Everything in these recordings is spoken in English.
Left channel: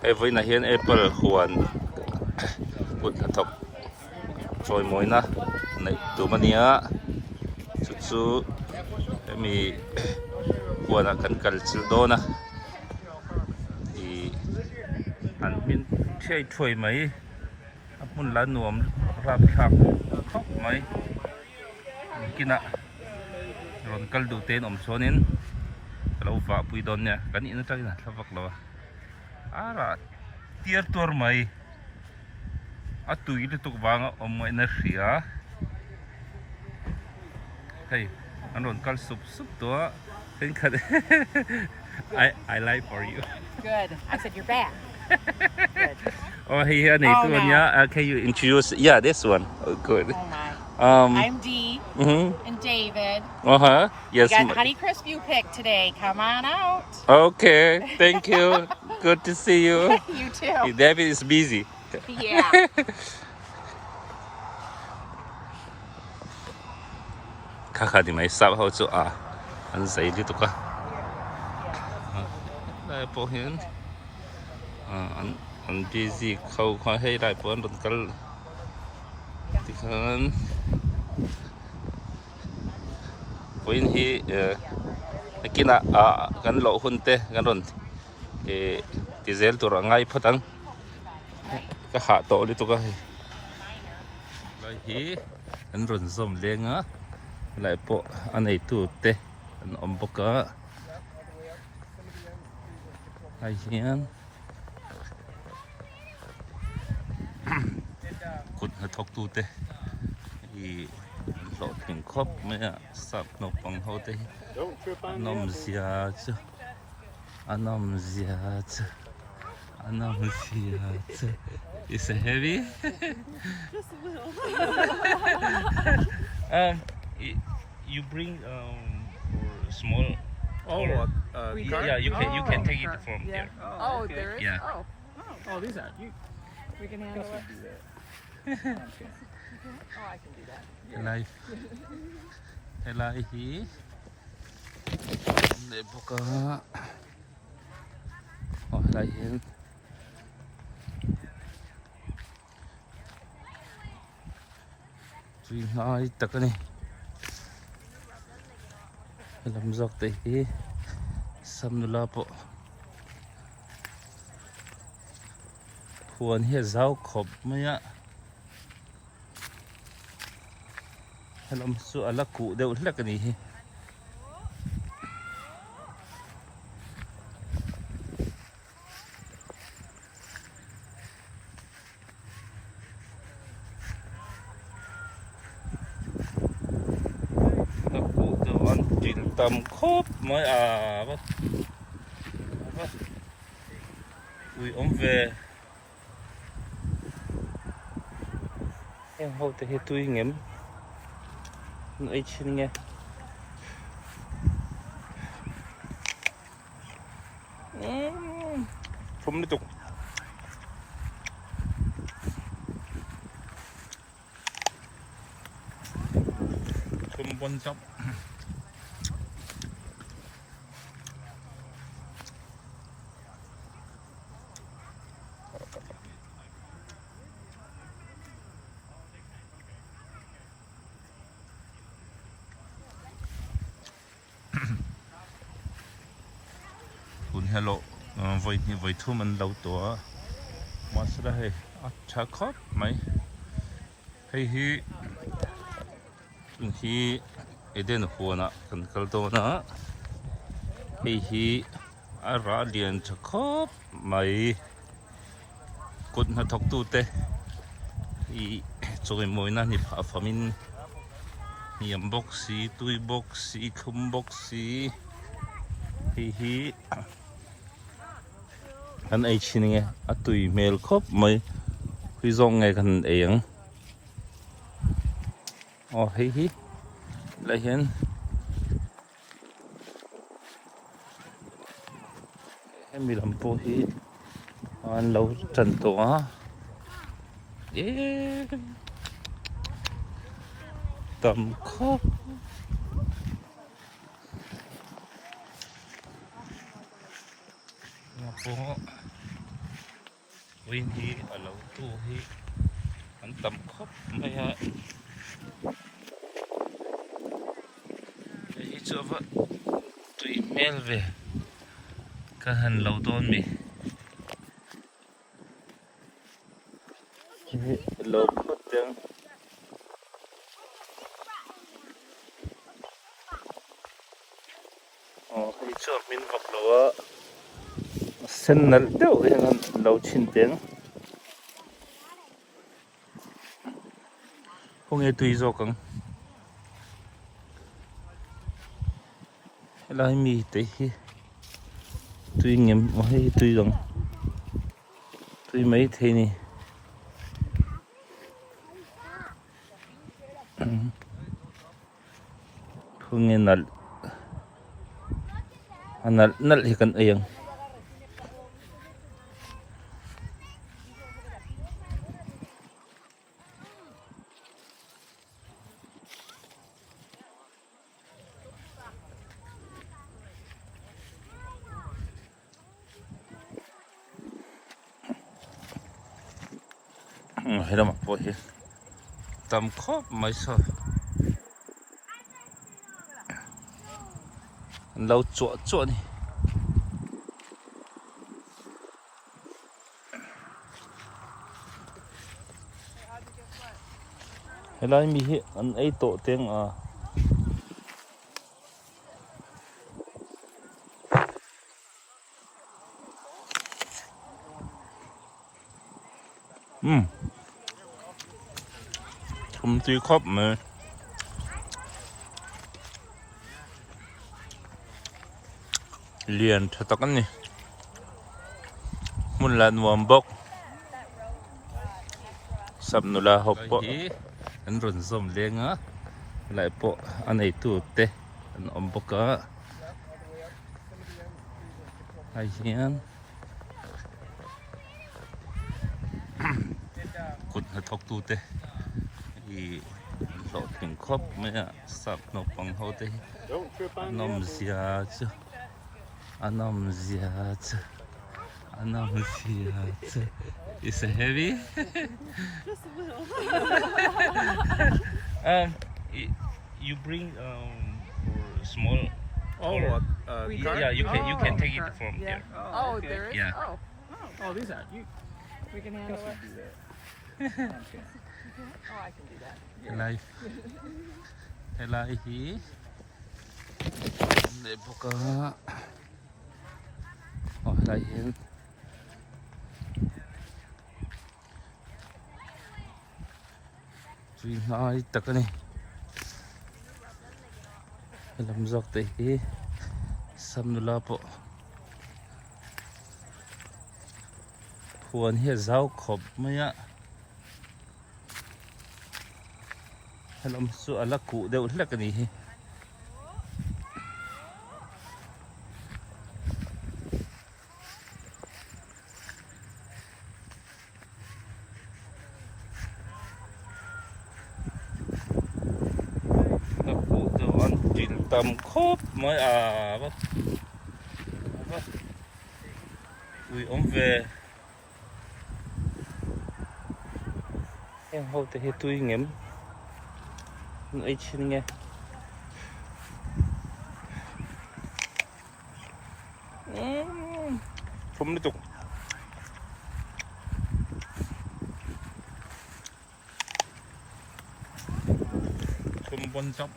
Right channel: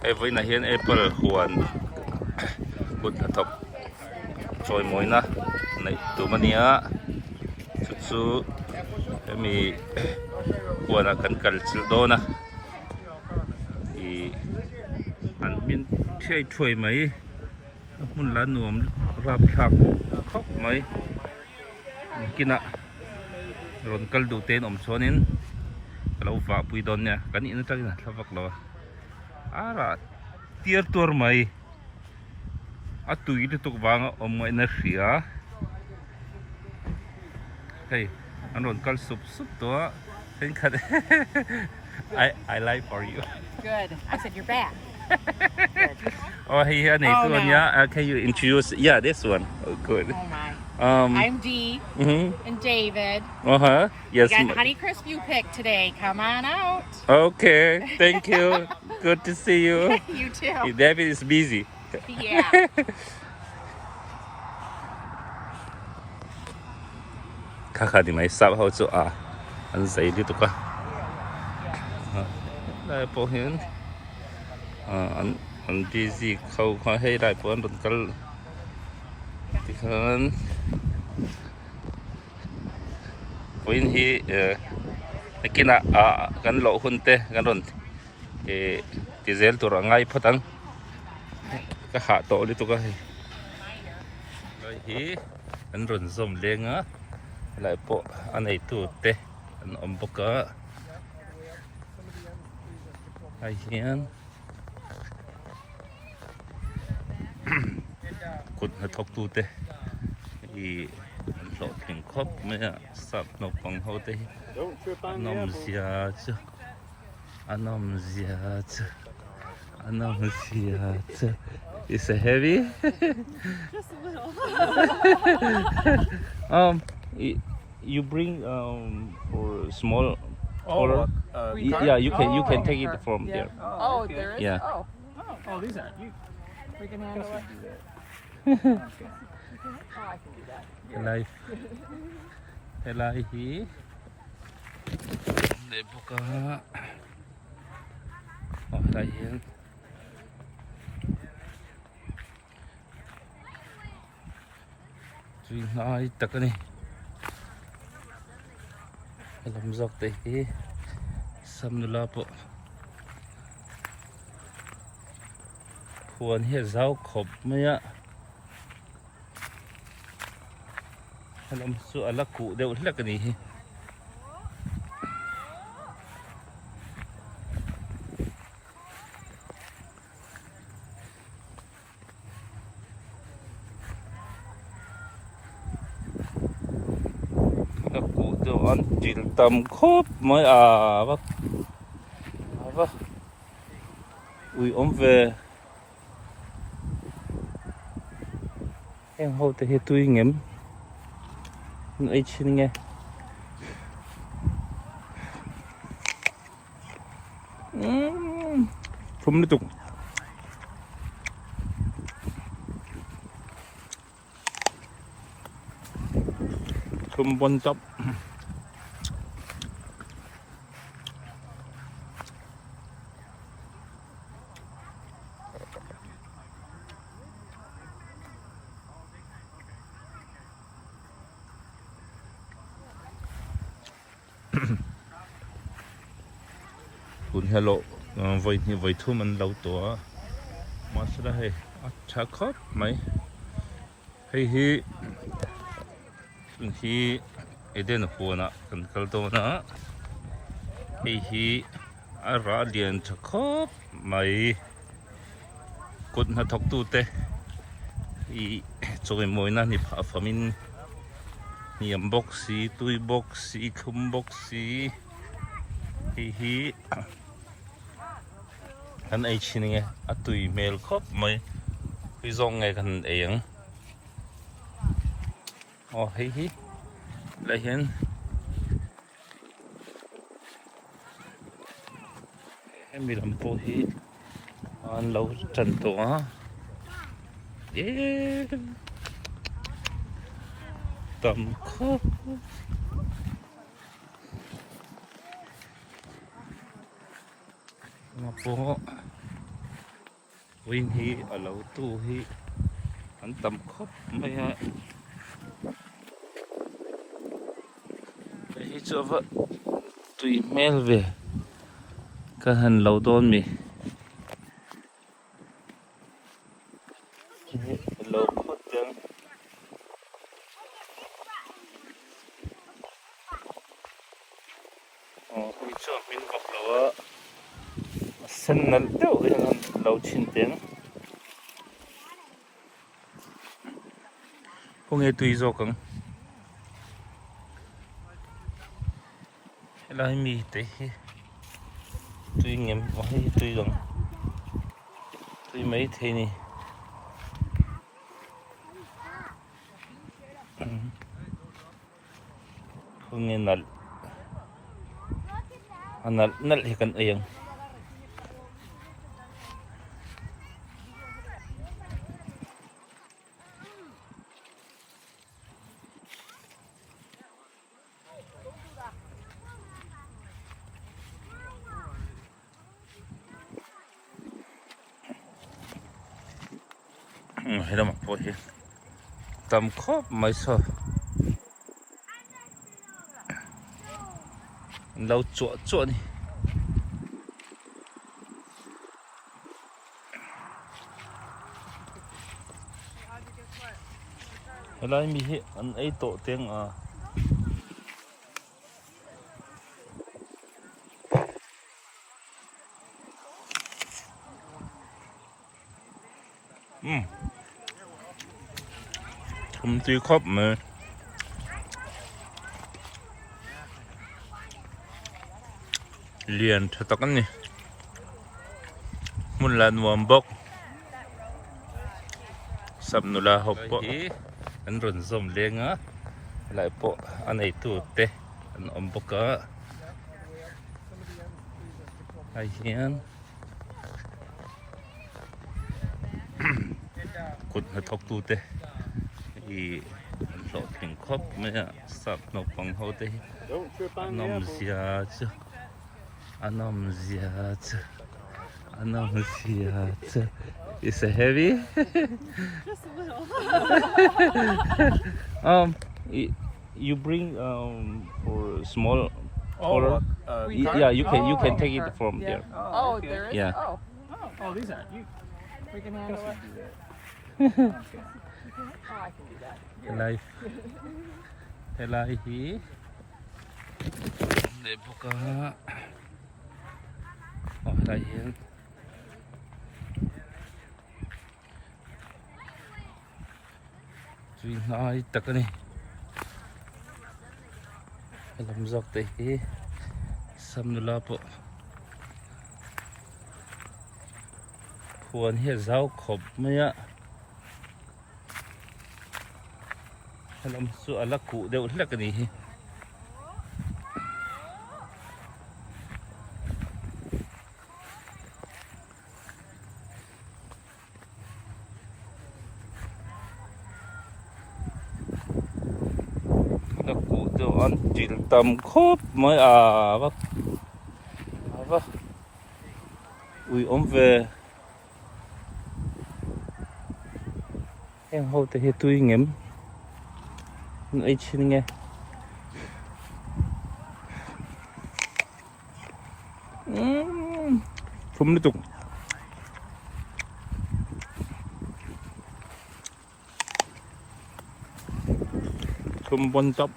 ไอ้ไว้นะเห็นแอปเปิลควรกุดทบช่วยมวยนะในตัวมันเนี้ยสุดๆมีควรกันกัลสิลโดนะอีอันเป็นใช่ช่วยไหมมันละหน่วมรับชักครบไหมกินอะรอนกัลดูเต้นชนินkalau pak puidonnya kan ini tadi nah lapak lawa ara tiar tur mai atu itu tuk banga energi ya hey anon kal sup to think I like for you Good. I said you're bad. Good. oh here nih Oh, tuh no. nya can you introduce yeah this one oh, good Oh my. um I'm Dee and David. yes You got Honeycrisp you picked today. Come on out. okay thank you good to see you You too. David is busy Yeah. kakak mai sab hau chu a an sei di tu ka lai po hian an di zi khau kha hei lai po an kal ti khan poin hi kina kan lo hun te kan ron ti zel tur angai phatang ka ha to li tu ka hi an ron som lenga lại bộ anh ấy tụt tê anh ôm bốc cá hay hiền cột hnathawk tụt tê thì lọ hình khóc mấy à sập nộp bằng hậu tê anh zia chứ anh zia chứ anh zia chứ is it heavy Just a little. You bring or small or yeah you can take it from here Oh, there is? Yeah. Oh. Oh, these are you. We can handle it. Helai hi để buka helai hian chui hai takani lam zak te hi samnula po huan hi zau khop maya lam su ala ku deuh hlakani hi tầm khốp mới bác ui ốm về em hô thì tôi ngắm ấy xin nghe không liên tục không quan trọngคุณฮัลโหลไว้ทุ่มมันเราตัวมาสุดท้ายชักครบไหมเฮ้ยที่เดินหัวนะกันกัลตัวนะเฮ้ยอาราเลียนชักครบไหมกุดหnathawkตู้เตะตัวมวยนั่นนี่ผ่าฟามินเยี่ยมบ็อกซี่ตุยบ็อกซี่คุมบ็อกซี่เฮ้ยอันไอชินไงตุยเมลครบไหมพี่ส่งไงกันเองอ๋อเฮ้ยอะไรเห็นให้มีลำโพงที่อันเราจันตัวเย้ตำครบมาโปะ วิ่งฮีเราตู้ฮีอันต่ำครบไม่ฮะไอ้เจ้าว่าตุยแมวเวก็หันเราโดนมีเราโคตรจังไอ้เจ้ามินบอกเราว่าเส้นนั่นเดียวยังเราชินเต็งพวกนี้ตุยโจกังเราให้มีแต่ตุยเงี้ยไม่ให้ตุยตรงตุยไม่เท่นี่พวกนี้นั่นอันนั้นนั่นที่กันเองให้เรามาพูดเหรอตามครบไม่ชอบเราจั่วนี่ให้เรามีอันไอ้โตเตียงผมตีครบมาเรียนทักกันนี่มุนลานวอมบกสับนุลาหอบปะอันรุ่นสมเลี้ยงอ่ะหลายปะอันไอตูเตะอันอมบกอ่ะไอเหี้ยนกุดหัดทอกตูเตะอีหลอดถึงครบไหมอ่ะสับนกปังเขาเตะนมเสียจ้ะอันนมเสียจ้ะอันนมเสียจ้ะ Is it heavy? Just a little. You bring for small. Or, yeah, you can take it from here. Oh, there is? Yeah. Oh, Oh, these are you. we can handle it. Hello. Hello here. Để buka. Oh, lain. Cui nai tak ni. Alam zak teh hi. Samnula po. Puan hi zau khop maya. Alam su ala ku deu lak ni hi. Tầm khốp mới vấp vấp ui ôm về em hô tới hết tôi ngắm ấy xin nghe không nó tục không bon chóc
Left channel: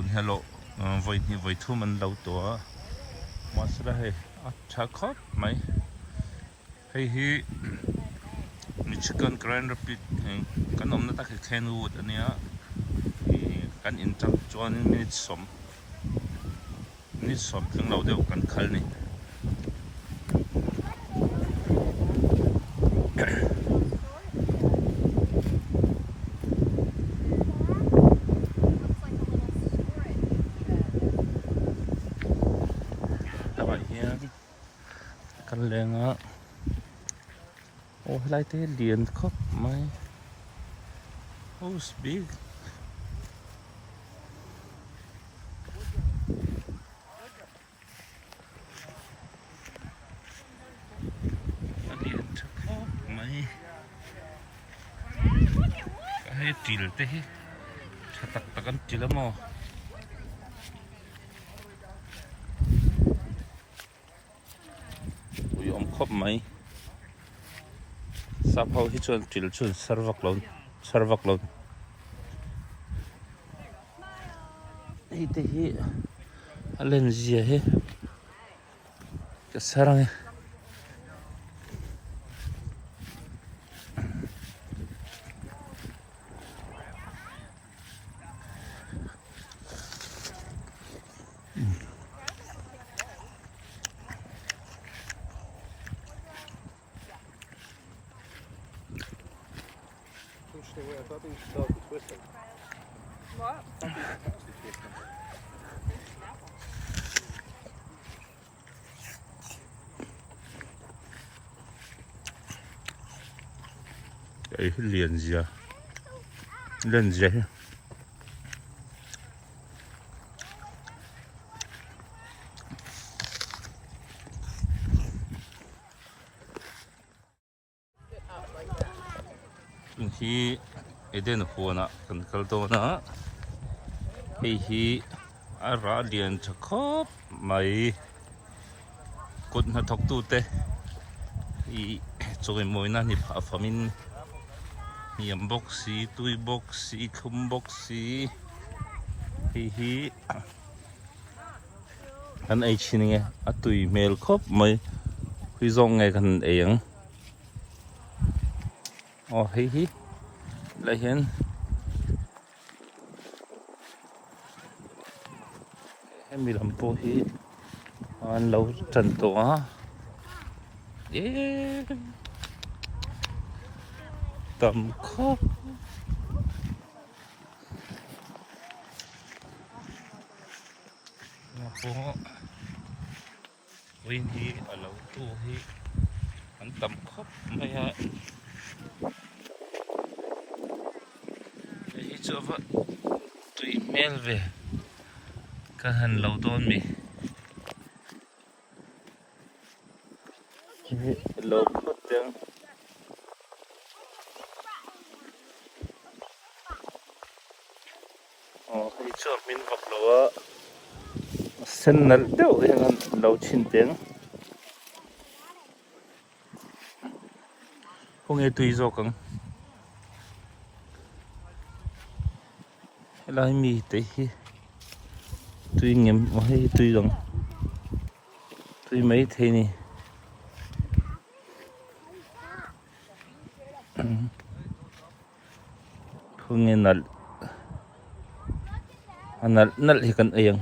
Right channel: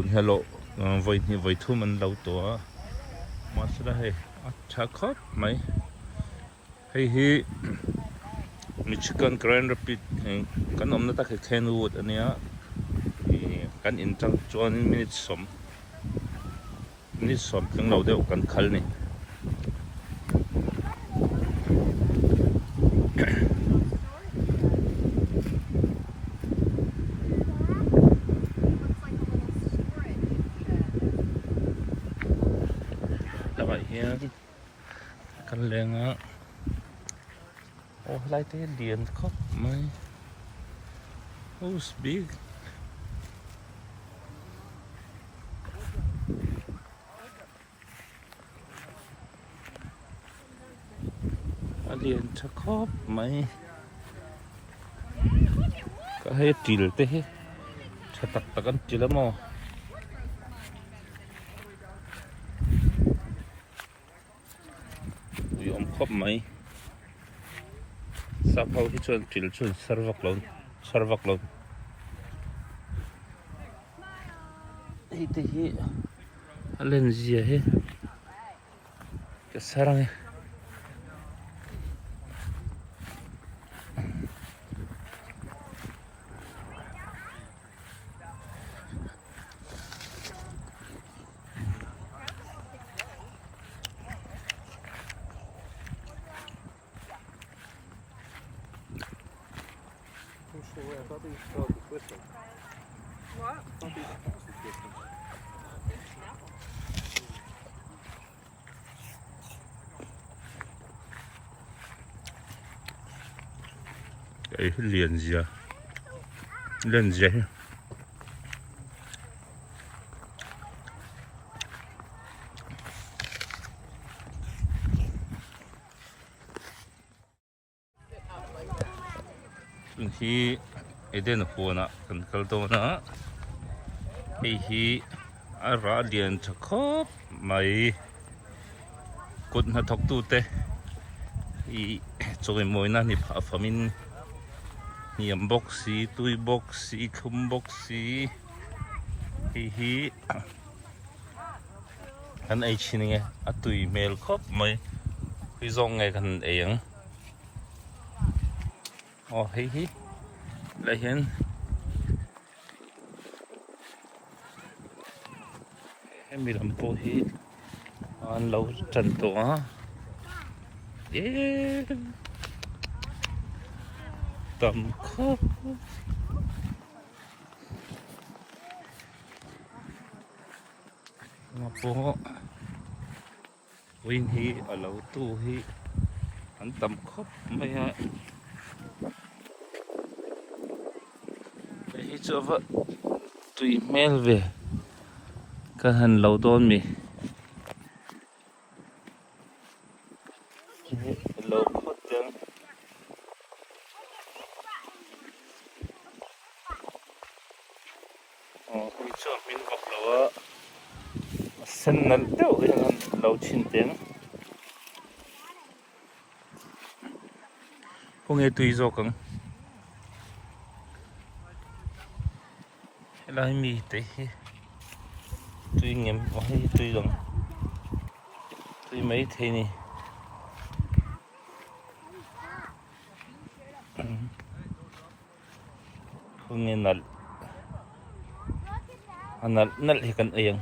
คุณฮัลโหลไว้ทุ่มมันเราตัวมาสุดท้ายชักครบไหมให้มีชิคก้นแกรนด์รับปิดกันอมนั่นตาคือแคนวูดอันเนี้ยกันอินจังจวนมินิสมถึงเราเดียวกันคัลนี่ vậy hiền căn lên á lại thế điện khóc mày house big điện thật khóc mày cái hết tiền thế chắc tắc tắc ăn chỉ lắm mà ui ông khóc mày sao hầu hết chuyện tiền chuyện sarvak lon đây thế lên gì hết cái sarang I thought these dogs were twisting. What? I thought these cats were twisting. cái liền gì à lên gì thì ở đây nó phun à cần câu to nữa hi à ra điện thật khóc mày cột nó thọc tu tê hi cho cái mồi na ni phá phá min niệm boxy tui boxy khum boxy hi anh ấy xin nghe à tui mail khóc mày tui dòng ngày cần ấy hi lại hiện em bị làm cô hi anh lâu trần tổ á tầm khóc mà bố win hi ở lâu tu hi anh tầm khóc mày hả hi cho vợ tùy mail về cái hành lâu đôn mi lâu khóc tiếng hi cho mình vợ lâu sen nal teo anh lâu chín tiếng không nghe tùy do căng lại mi tới tùy nghiệm hay tùy dòng tùy mấy thế này không nghe nal nal nal thì cần ayang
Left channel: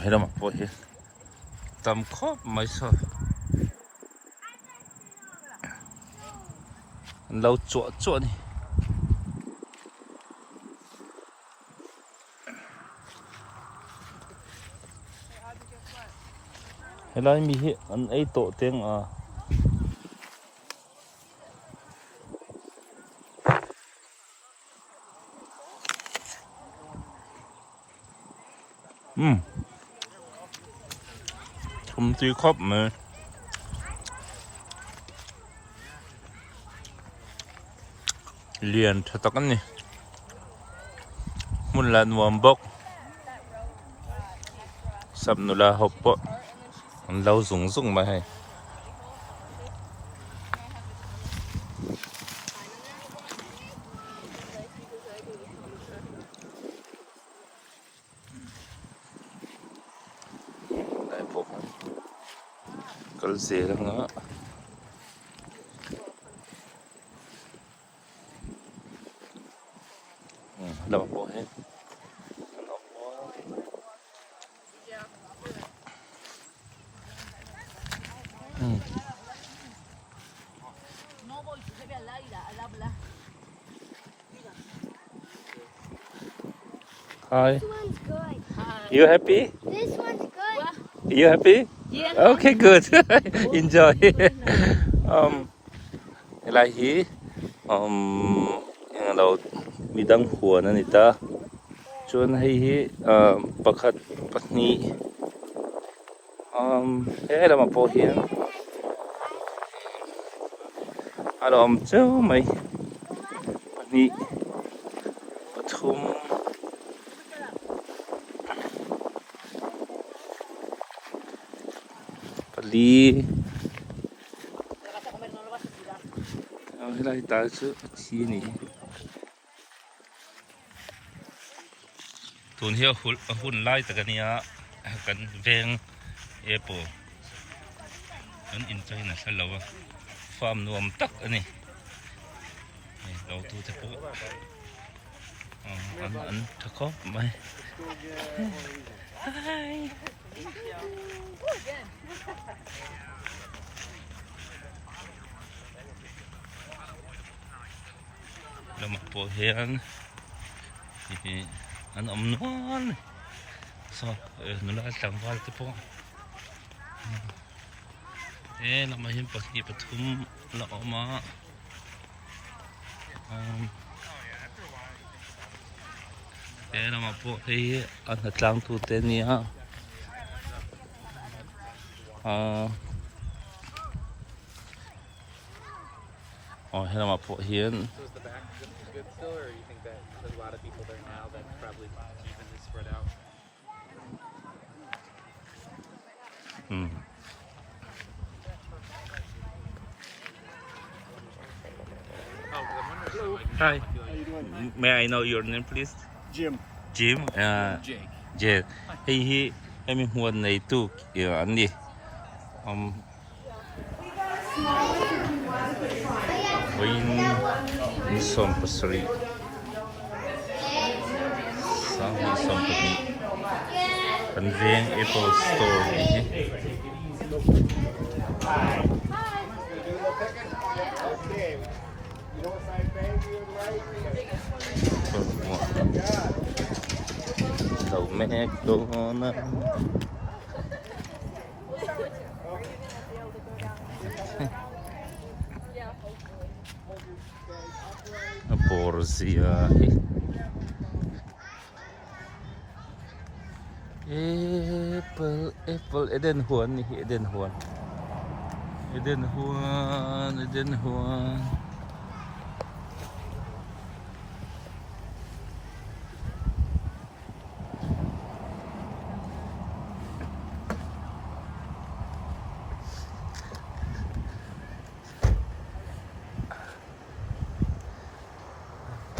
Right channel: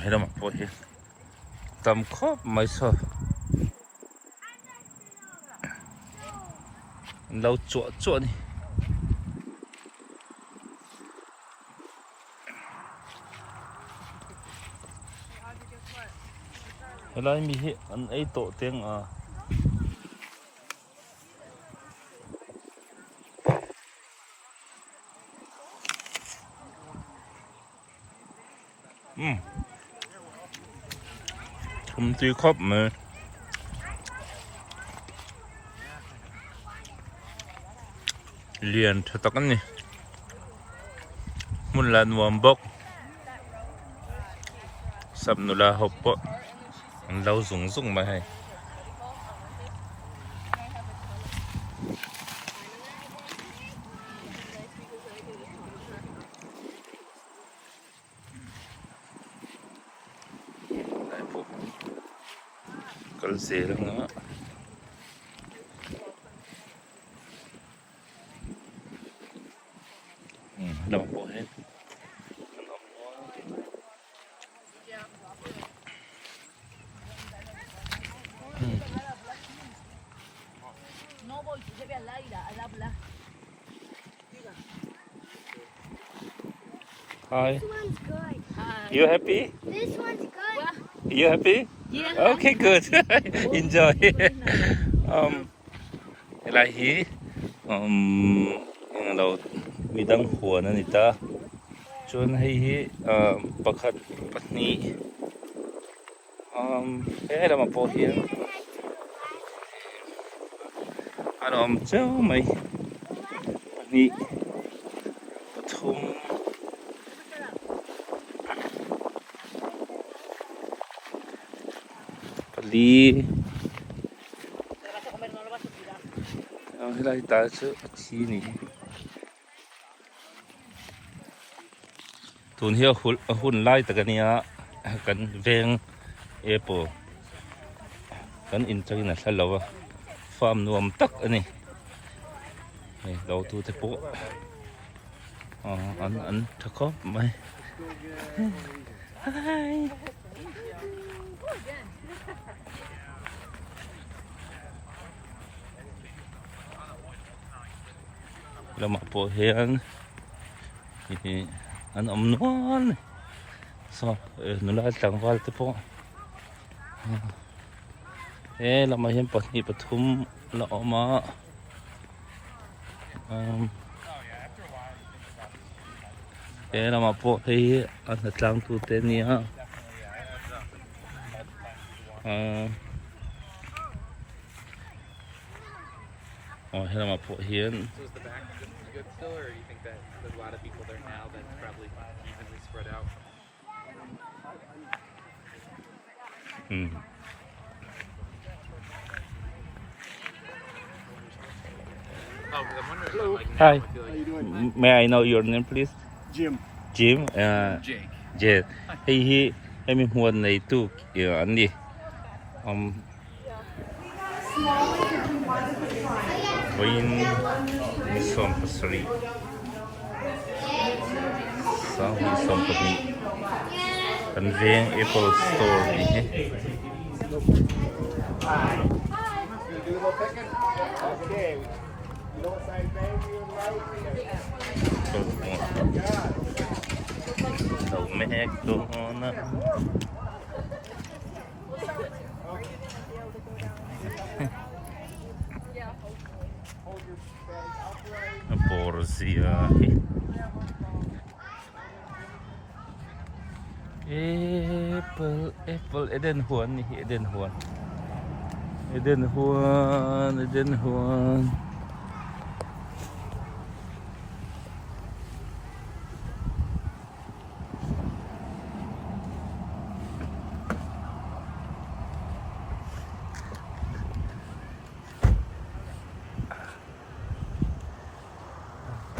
hay là mặc bộ hi tầm khóc mấy sao lâu chuột chuột này hay là mi hi anh ấy tổ tiếng à không tuy khóc mà liền thật tắc này muốn là nuông bốc sắp nữa là hộp bộ lâu dùng mà hay cái gì đó nữa là một bộ hết Hi. This one's good. You happy? This one's good. You happy? Yeah. Okay, good. Enjoy. Lại hi lo midang huan anita chuan hei hi pakhat pahnih he lama pawh hian alo am chu mai pahnih pathum pali helai ta chu hi ni tun hi hun lai takania kan veng apple kan in tagina thalawa farm nuam tak ani nei lo tu te po an thakop mai hi lama po hian an nual so nula tlangwal te po lama hian pahnih pathum la awma lama po hei an tlang tu te nia he lama po hian Hi. How you doing? May I know your name, please? Jim. Jim. Jake. Jade. Hey, em huan này tu anh đi. Win Mizo Pasari. Sa Mizo Pasari. Kan veng Apple Store ni. Dầu mẹ đồ nó Borzia Apple Eden Huan ni Eden Huan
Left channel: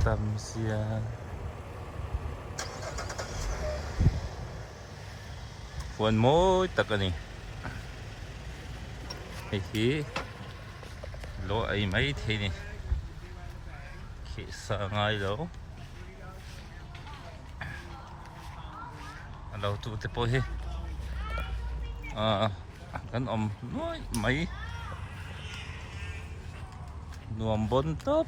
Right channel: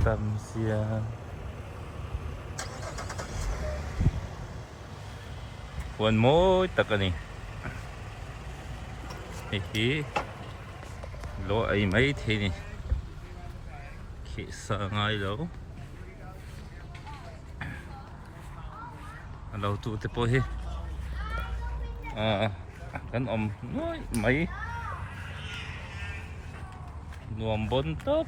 Tamsia Huan mo takani hi lo ai mấy thế này khi sợ ngay đâu lâu tu te po hi kan nói mấy nuông bốn top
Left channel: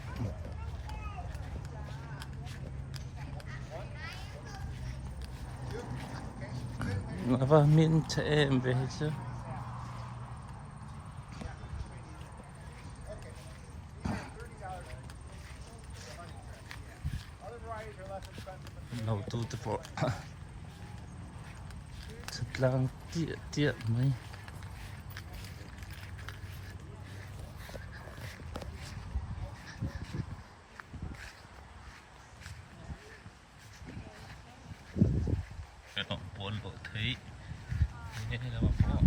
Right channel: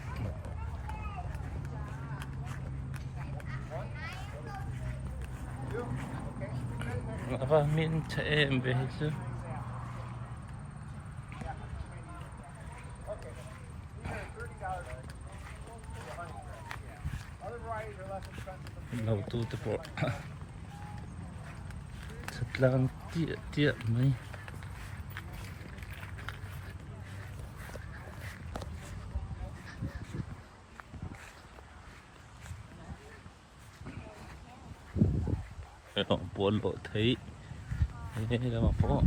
Never mean to em về chứ lâu tu te po thật lang tiệt mấy buồn lộ thấy thế là mà có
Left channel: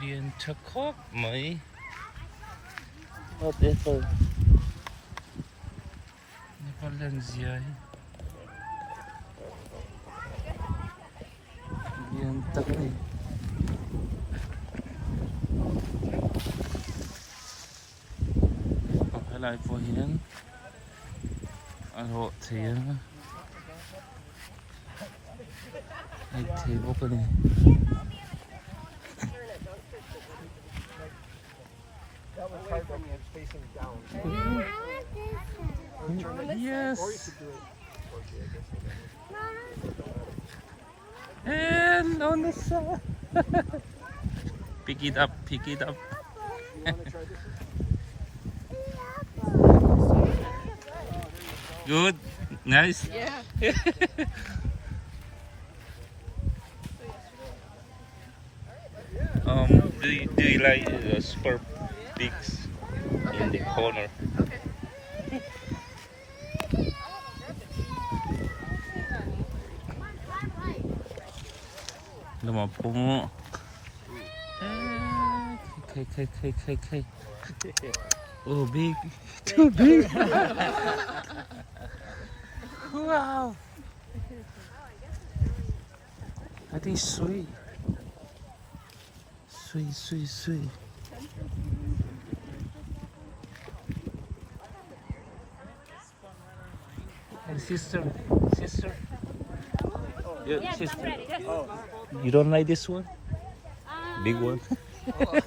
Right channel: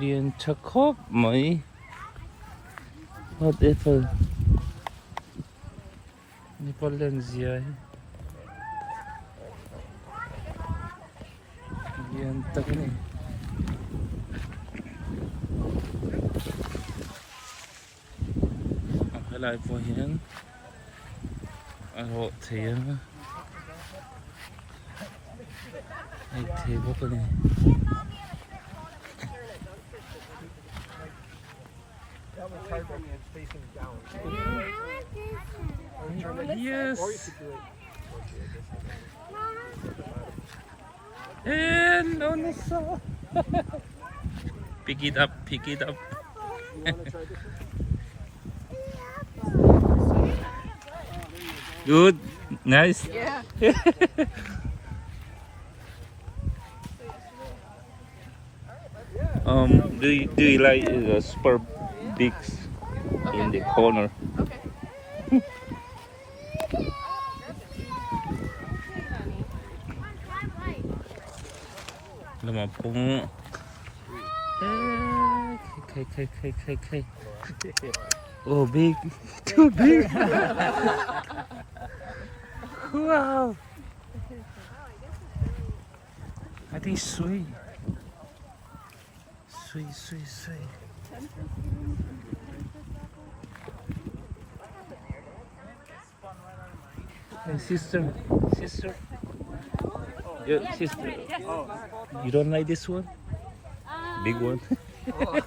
liền chắc khóc mấy một ít thôi đi qua lên gì ấy liền tập này lại phố hiến hộ thiền thì có cái này the card that's facing down. Yes. Or you could do it towards you, I guess. And on the side. Pick it up, pick it up. You want to try this? Good, nice. Yeah. Do you like the super bigs in the corner? Come on, pull. Okay. Oh, big, too big. Wow. I think sweet. Sweet. Hey, sister. Yeah, sister. You don't like this one? Big one? Oh,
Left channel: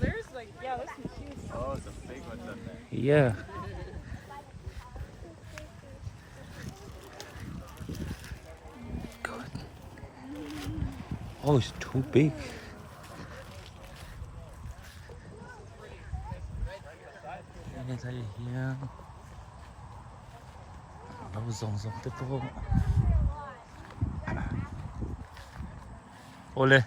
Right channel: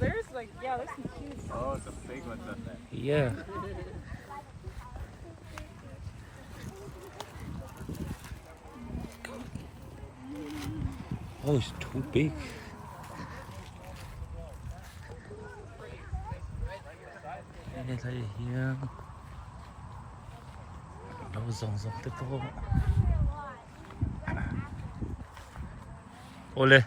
there's like, yeah, there's some cute. Oh, it's a big one, then. Yeah. Oh, it's too big. And it's like here. Đâu rồng tới cô. Ô lên.